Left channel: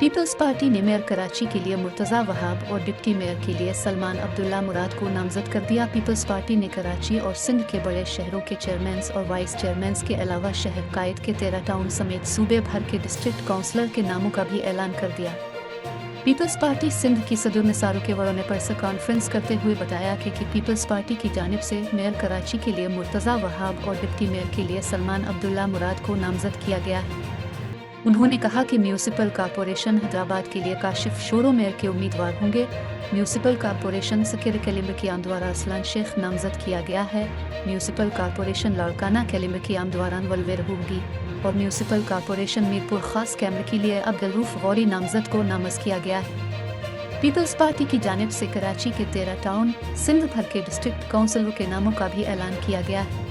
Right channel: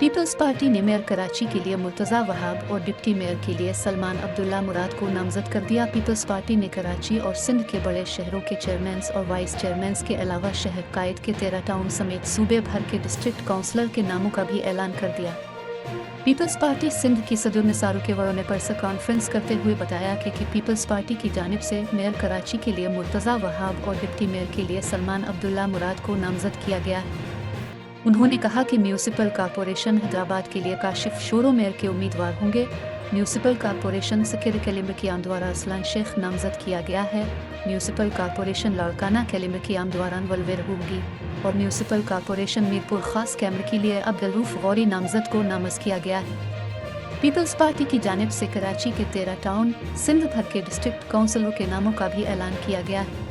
Peoples party ने mayor Karachi के लिए मुर्तज़ा वहाब और डिप्टी मेयर के लिए सलमान अब्दुल्ला मुराद को नामजद कर दिया। पीपल्स पार्टी ने कराची और सिंध के बड़े शहरों के चेयरमैन्स और वाइस चेयरमैन्स के अलावा शहर कायद के 13 टाउन समेत सूबे भर के डिस्ट्रिक्ट काउंसलर के नामों का भी ऐलान कर दिया। पीपल्स पार्टी सिंध की सदर निसार के वरों ने प्रेस कॉन्फ्रेंस करते हुए बताया कि पीपल्स पार्टी की जानिब से मेयर कराची के लिए मुर्तज़ा वहाब और डिप्टी मेयर के लिए सलमान अब्दुल्ला मुराद को नामजद किया गया है। उन्होंने कहा कि म्यूनिसिपल कॉरपोरेशन हैदराबाद के लिए काशिफ शोरो मेयर के उम्मीदवार होंगे। म्यूनिसिपल कॉरपोरेशन सकीर कैलिम्बर कियाम द्वारा असलान शेख नामजद किया गया है। म्यूनिसिपल कॉरपोरेशन लाड़काना कैलिम्बर कियाम द्वारा वलवेर होगी और म्यूनिसिपल कॉरपोरेशन मीरपुर खास कैमरे के लिए अब्दुलरूफ गौरी नामजद को नामज़द किया गया है। पीपल्स पार्टी की जानिब से कराची के 13 टाउन सिंध भर के डिस्ट्रिक्ट काउंसिलरों के नामों का भी ऐलान किया गया है।